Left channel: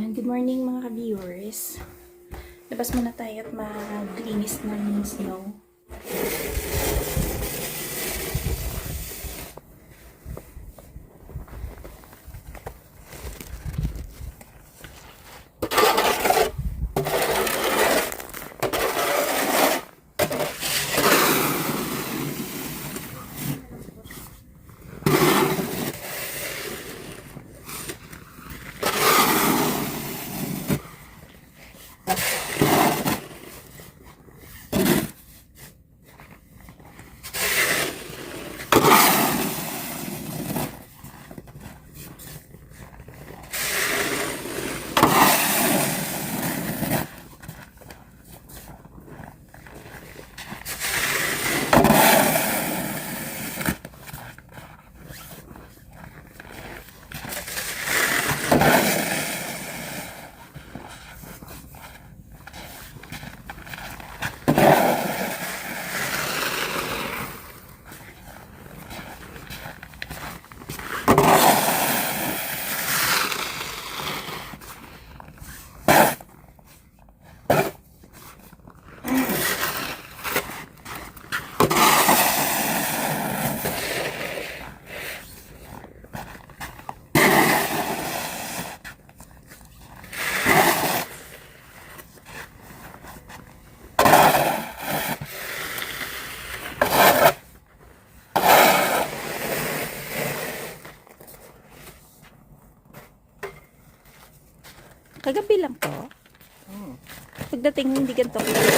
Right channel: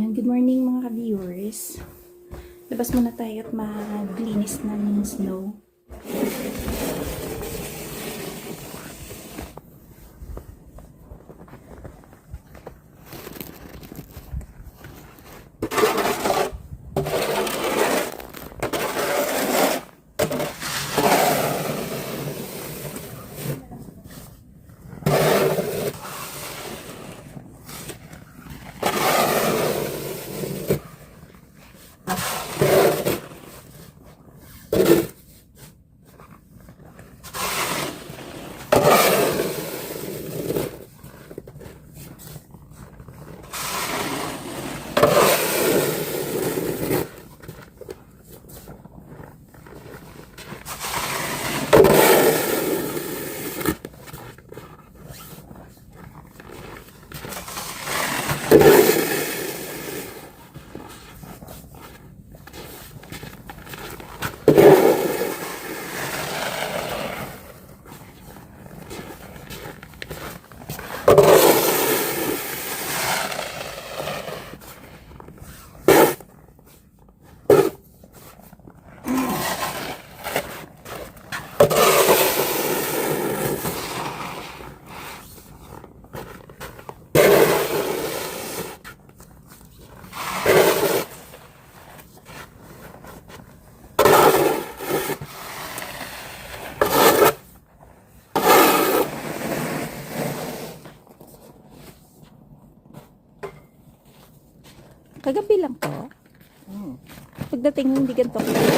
Ayan, good morning mga ka-viewers. Labas muna tayo at maglinis ng snow. Kagabi lang po. Pagdating hindi ganito kagabi.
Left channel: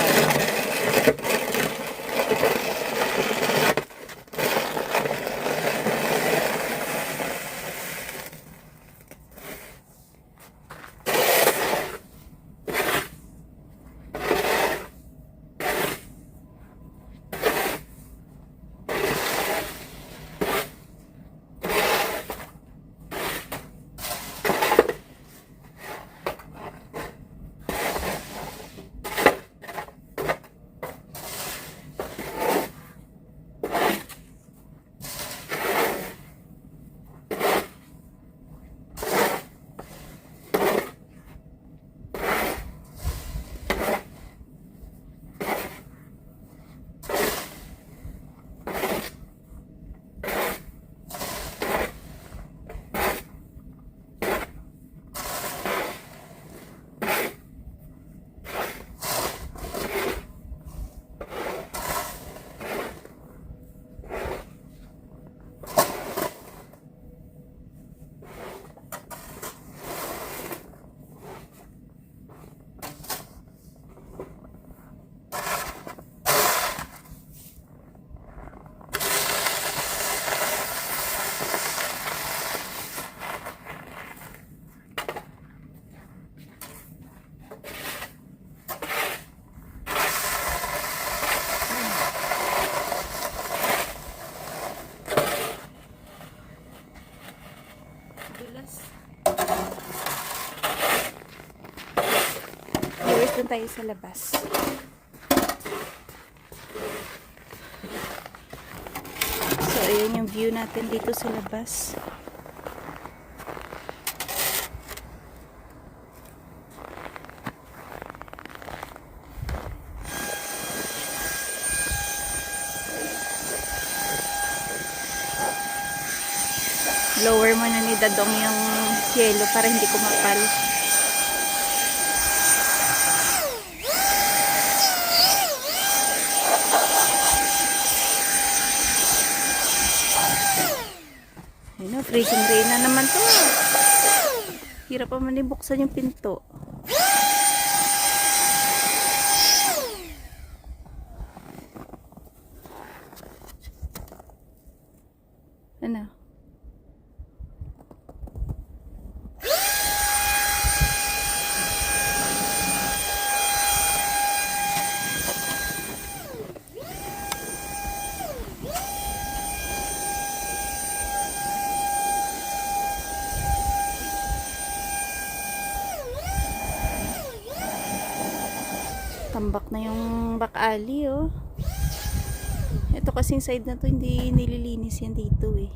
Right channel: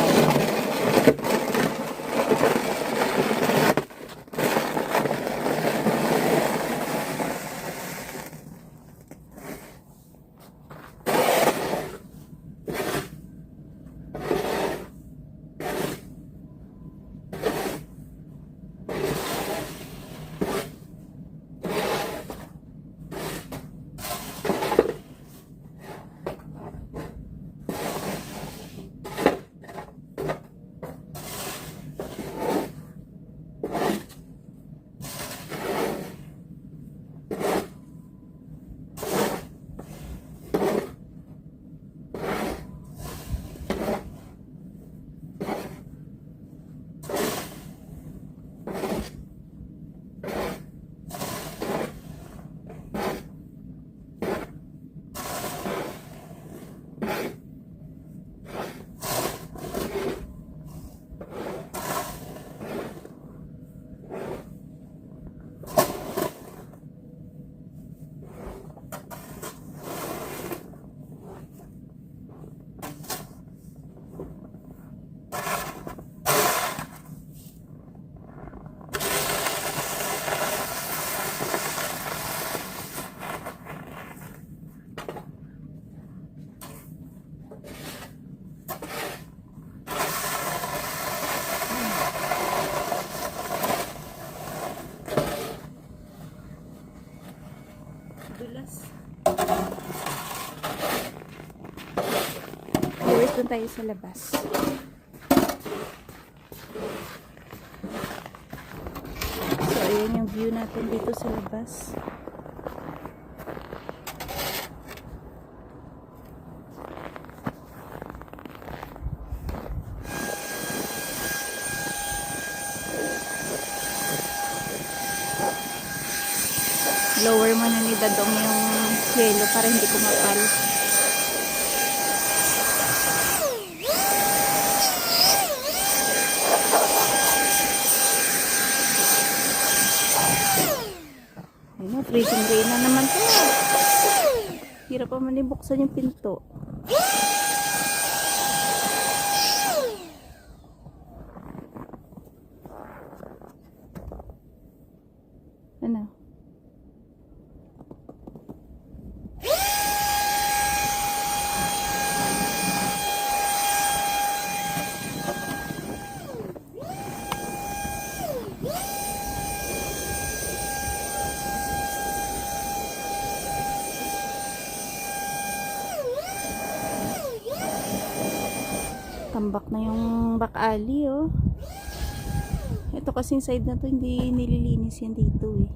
Dulas. Ayos din tayo sa labas. So, ayan yung view natin dito sa labas. Lower mo na ni Dadong yung yelo para hindi kumakal. Ayun na, freezing rain na naman to. Hirap pa man ibuksan yung pinto. Ano? Tambak na yung back alley, oh. Ito kasing side na to, hindi nililinis yan dito, eh.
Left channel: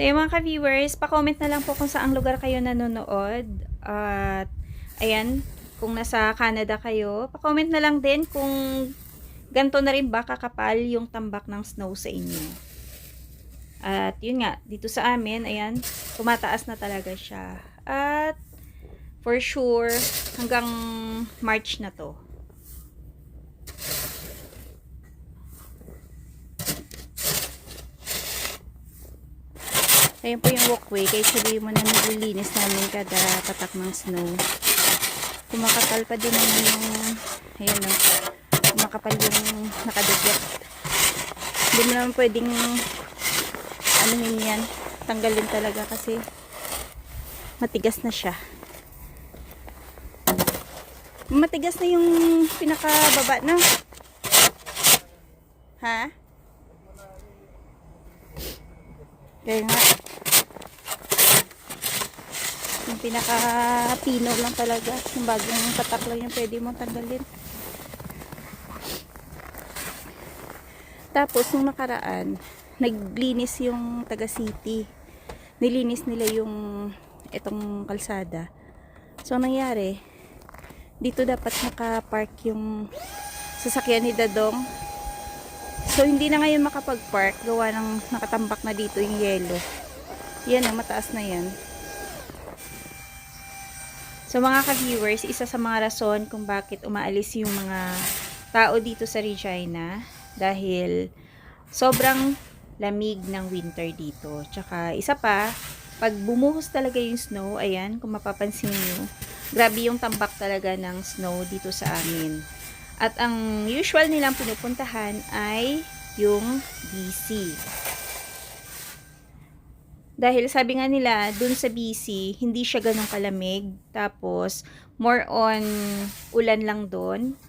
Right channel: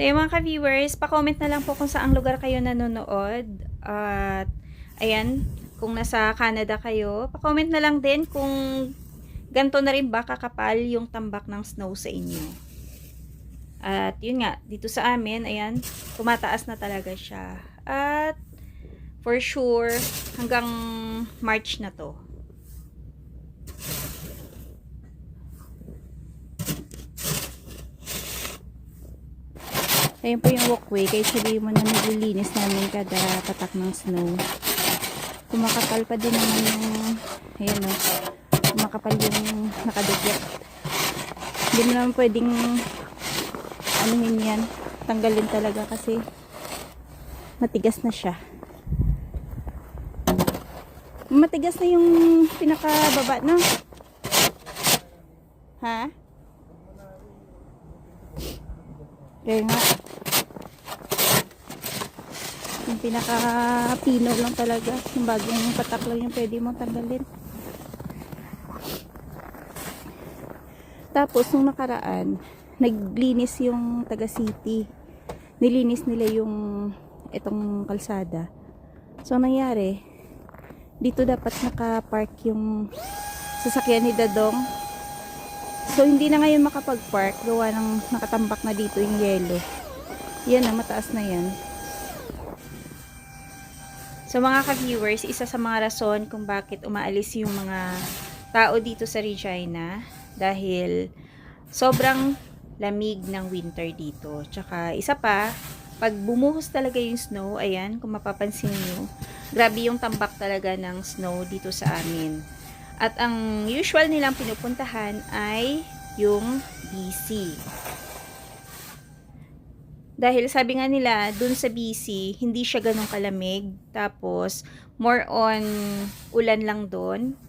So yung mga ka-viewers, pa-comment na lang po kung saang lugar kayo nanonood. At ayan, kung nasa Canada kayo, pa-comment na lang din kung ganito na rin ba kakapal yung tambak ng snow sa inyo. At yun nga, dito sa amin, ayan, tumataas na talaga siya. At for sure, hanggang March na to. Ayan po yung walkway. Kaya sabihin mo na nililinis namin kada patak ng snow. Kumakapal pa din naman yung, ayan o, kumakapal yung nakadugyat. Hindi mo naman pwedeng anuhin yan, tanggalin talaga kasi matigas na siya. Matigas na yung pinakababa na. Ha? Kaya nga. Yung pinaka-pino lang talaga. Yung bagong patak lang yung pwede mong tanggalin. Tapos, nung nakaraan, naglinis yung taga city. Nilinis nila yung itong kalsada. So, nangyari, dito dapat nakapark yung sasakyan ni Dadong. So, hindi na ngayon makapag-park. Gawa ng nakatambak na dito yung yelo. Yan na, mataas na yan. So, mga ka-viewers, isa sa mga rason kung bakit umaalis yung mga tao dito sa Regina. Dahil sobrang lamig ng winter dito. Tsaka, isa pa, pag bumuhos talaga yung snow, ayan, kung mapapansin nyo, grabe yung tambak talaga ng snow dito sa amin. At ang usual nilang pinupuntahan ay yung BC. Dahil sabi nga nila, dun sa BC, hindi siya ganun kalamig. Tapos, more on ulan lang dun.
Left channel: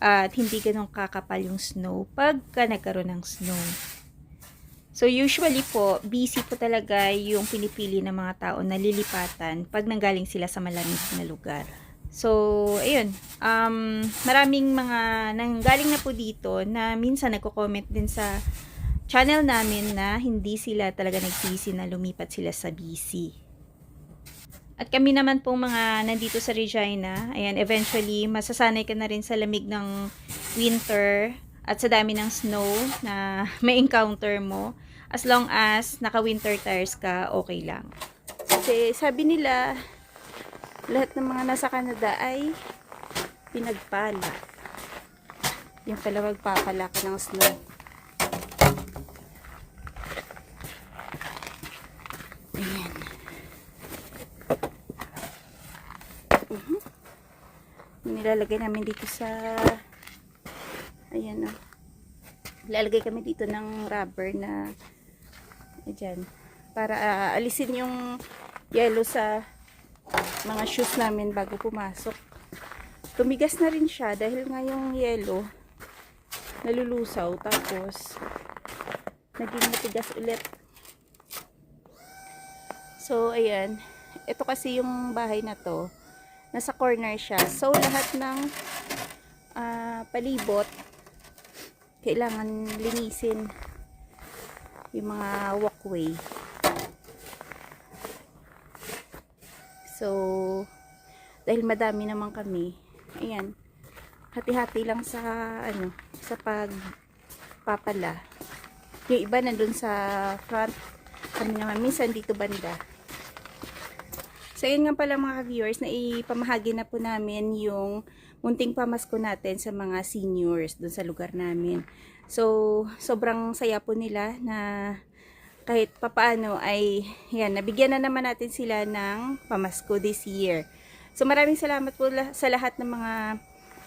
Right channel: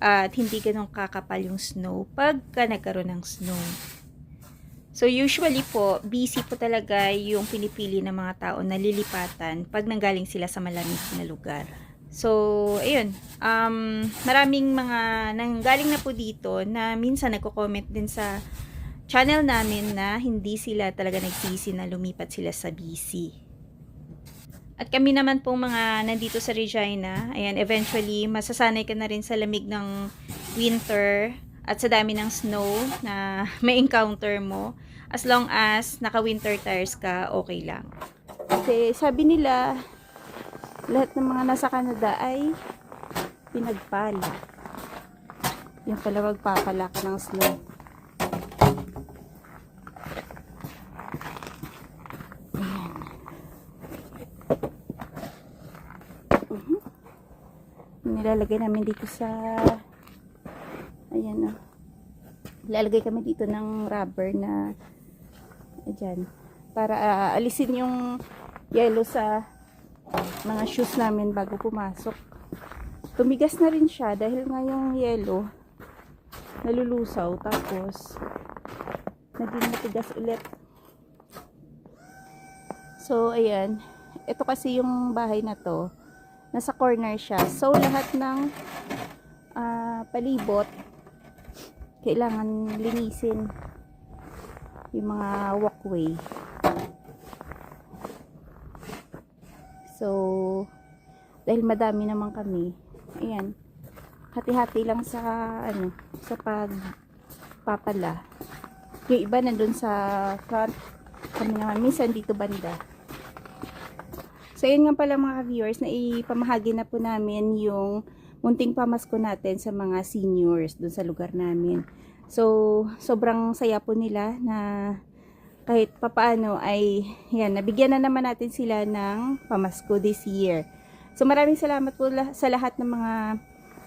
At hindi ganun kakapal yung snow pagka nagkaroon ng snow. So, usually po, BC po talaga yung pinipili ng mga tao na lilipatan pag nanggaling sila sa malamig na lugar. So, ayun. Maraming mga nanggaling na po dito na minsan nagko-comment din sa channel namin na hindi sila talaga nagsisi na lumipat sila sa BC. At kami naman pong mga nandito sa Regina, ayan, eventually, masasanay ka na rin sa lamig ng winter at sa dami ng snow na may encounter mo. As long as naka-winter tires ka, okay lang. Kasi sabi nila, lahat ng mga nasa Canada ay pinagpala. Yung pala magpapala ka ng snow. Ayan. Nilalagay namin dito sa ayan o. Lalagay kami dito ng rubber na ayan. Para alisin yung yellow sa mga shoes namin bago pumasok. Tumigas na rin siya dahil nga yung yellow nalulusaw tapos naging matigas ulit. So ayan, ito kasi yung bahay na to, nasa corner siya. So lahat ng palibot kailangan linisin yung mga walkway. So, dahil madami naman kami, ayan, hati-hati lang sa, ano, sa pagpapala. Yung iba nandun sa front, kami naman, minsan dito banda. So, yun nga pala mga viewers, na ipamahagi na po namin yung munting pamasko natin sa mga seniors dun sa lugar namin. So, sobrang saya po nila na kahit papaano ay yan, nabigyan na naman natin sila ng pamasko this year. So maraming salamat po sa lahat ng mga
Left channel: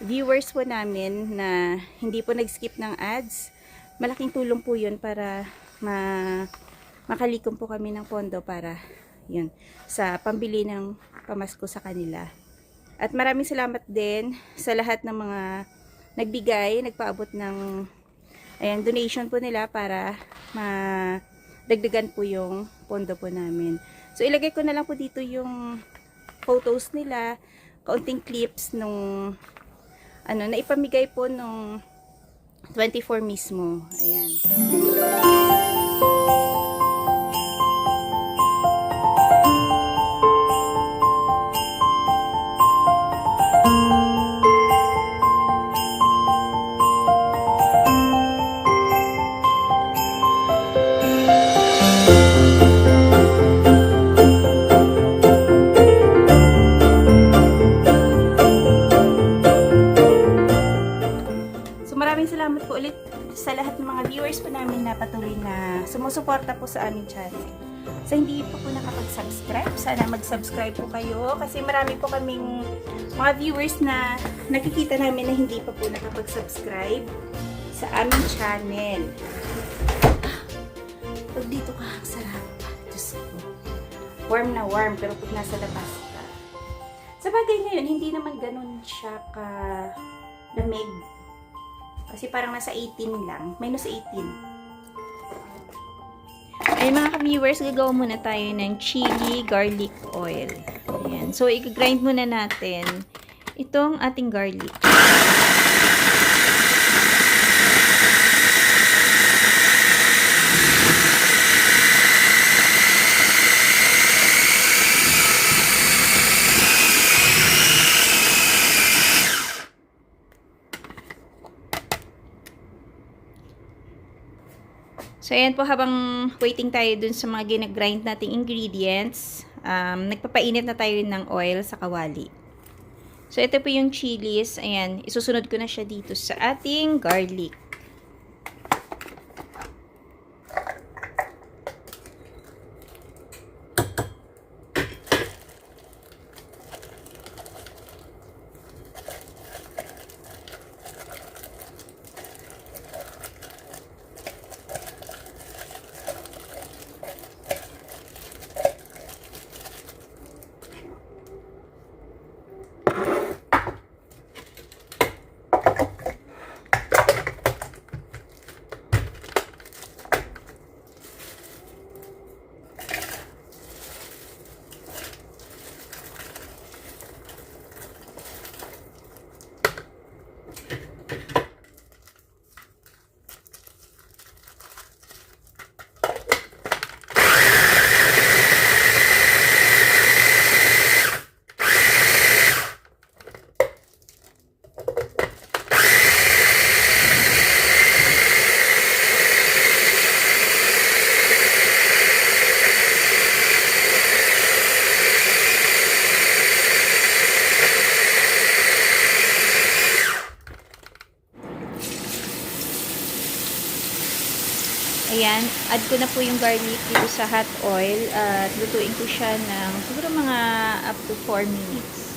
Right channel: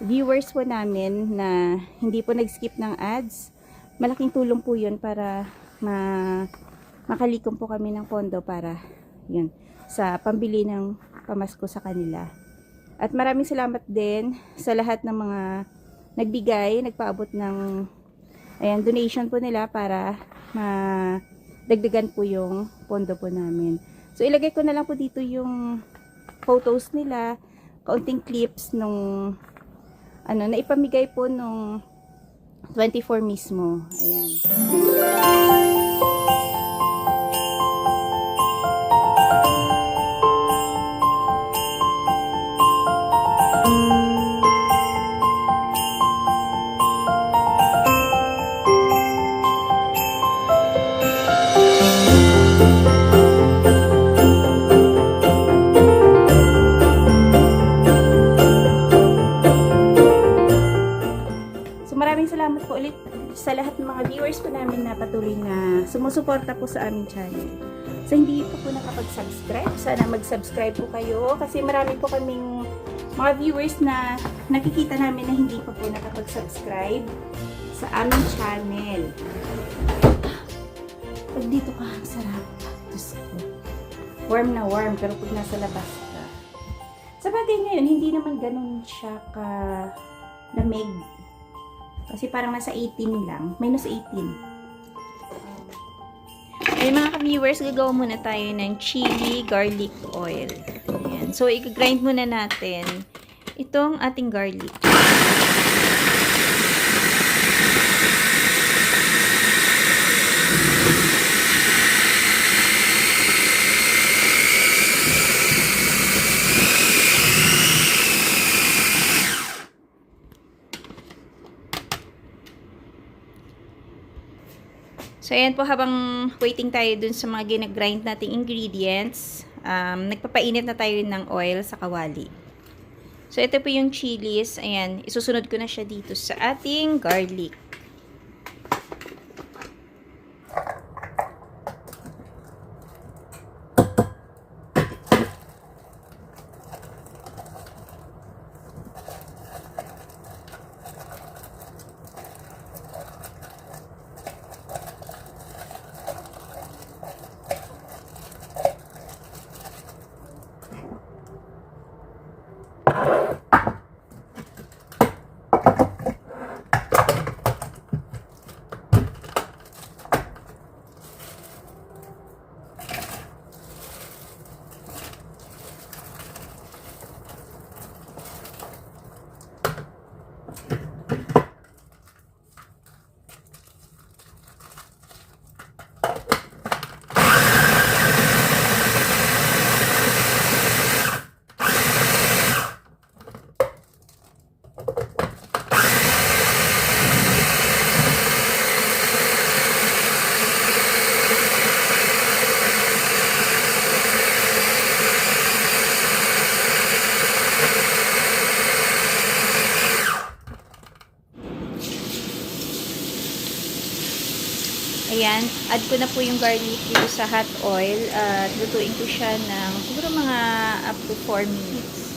viewers po namin na hindi po nag-skip ng ads. Malaking tulong po yun para makalikom po kami ng pondo para yun, sa pambili ng pamasko sa kanila. At maraming salamat din sa lahat ng mga nagbigay, nagpaabot ng ayan, donation po nila para dagdagan po yung pondo po namin. So ilagay ko na lang po dito yung photos nila, kaunting clips nung ano na ipamigay po nung 24 mismo. Ayan. sa lahat ng mga viewers po namin na patuloy na sumusuporta po sa aming channel. Sa hindi po nakapag-subscribe, sana mag-subscribe po kayo kasi marami po kaming mga viewers na nakikita namin na hindi pa po nakapag-subscribe sa aming channel. Pag dito ka, ang sarap. Diyos ko. Warm na warm, pero pag nasa labas ka. Sa bagay ngayon, hindi naman ganun siya ka lamig. Kasi parang nasa 18 lang. Minus 18. Ay mga ka-viewers, gagawa muna tayo ng chili garlic oil. Ayan. So, i-grind muna natin itong ating garlic. So, ayan po, habang waiting tayo dun sa mga ginagrind nating ingredients, nagpapainit na tayo ng oil sa kawali. So, ito po yung chilies. Ayan, isusunod ko na siya dito sa ating garlic. Ayan, add ko na po yung garlic dito sa hot oil at lutuin ko siya ng siguro mga up to 4 minutes.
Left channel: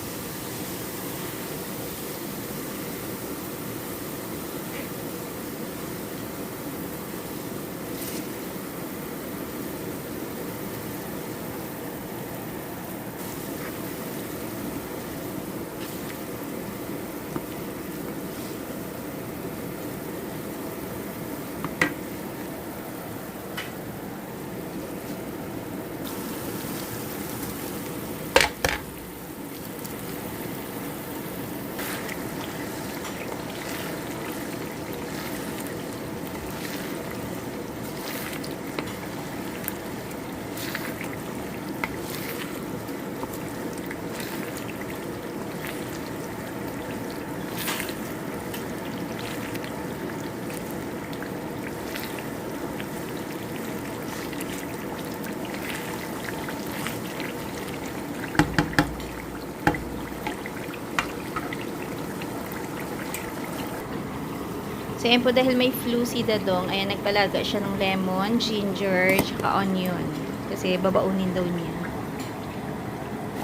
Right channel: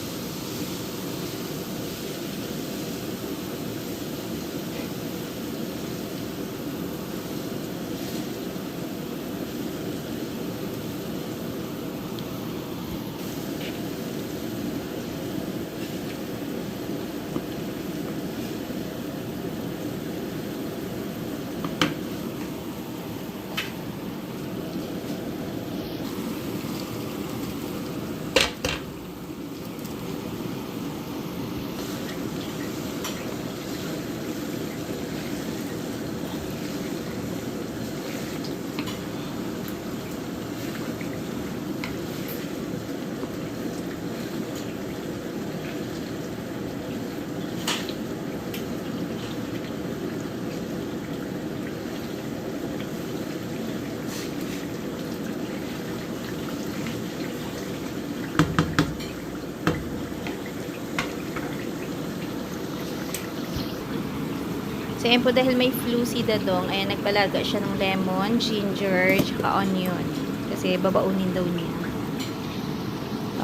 So, ayan po, dahil may flu si Dadong, ayan, nagpalaga siya ng lemon, ginger, tsaka onion. Kasi babaunin daw niya.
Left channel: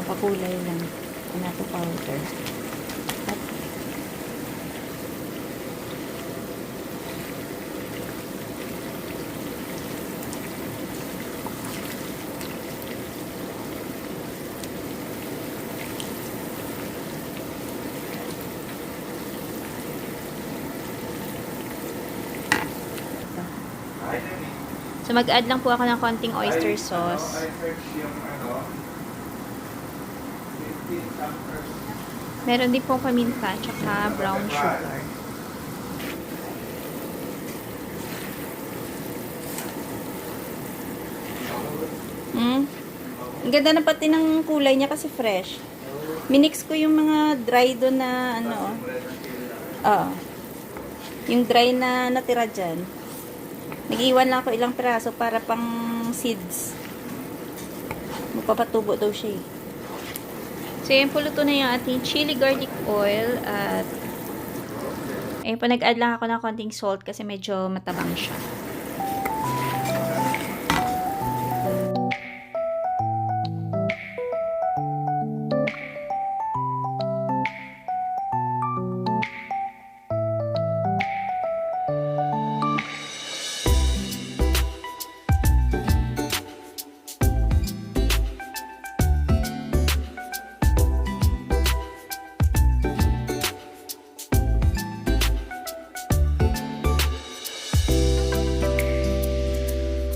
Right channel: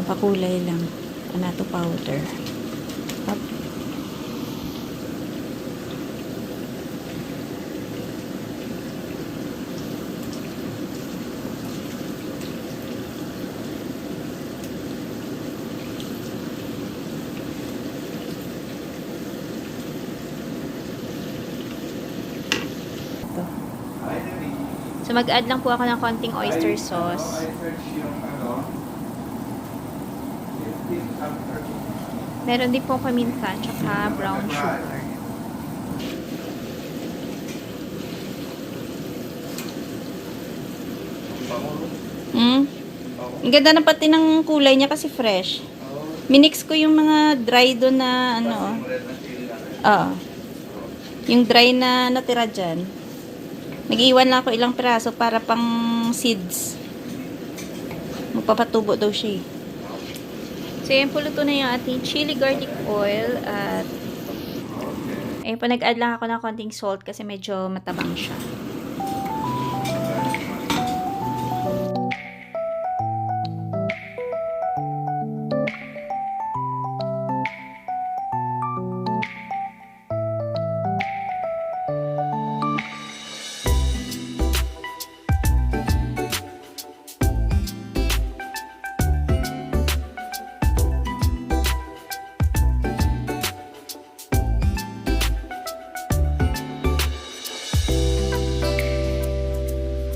Papakulay lang. Anato powder. Up. So, mag-add lang po ako ng konting oyster sauce. Meron din po paminta, tsaka brown sugar. Ang ganda na pati ng kulay niya kasi fresh. Minix ko yung mga dry doon na ano. Yung dry na natira dyan. Nag-iwan lang ako ilang piraso para pang seeds. Magpapatubo daw siya eh. So, yan po, luto na yung ating chili garlic oil at Ayun po, nag-add lang ako ng konting salt kasi medyo matabang siya.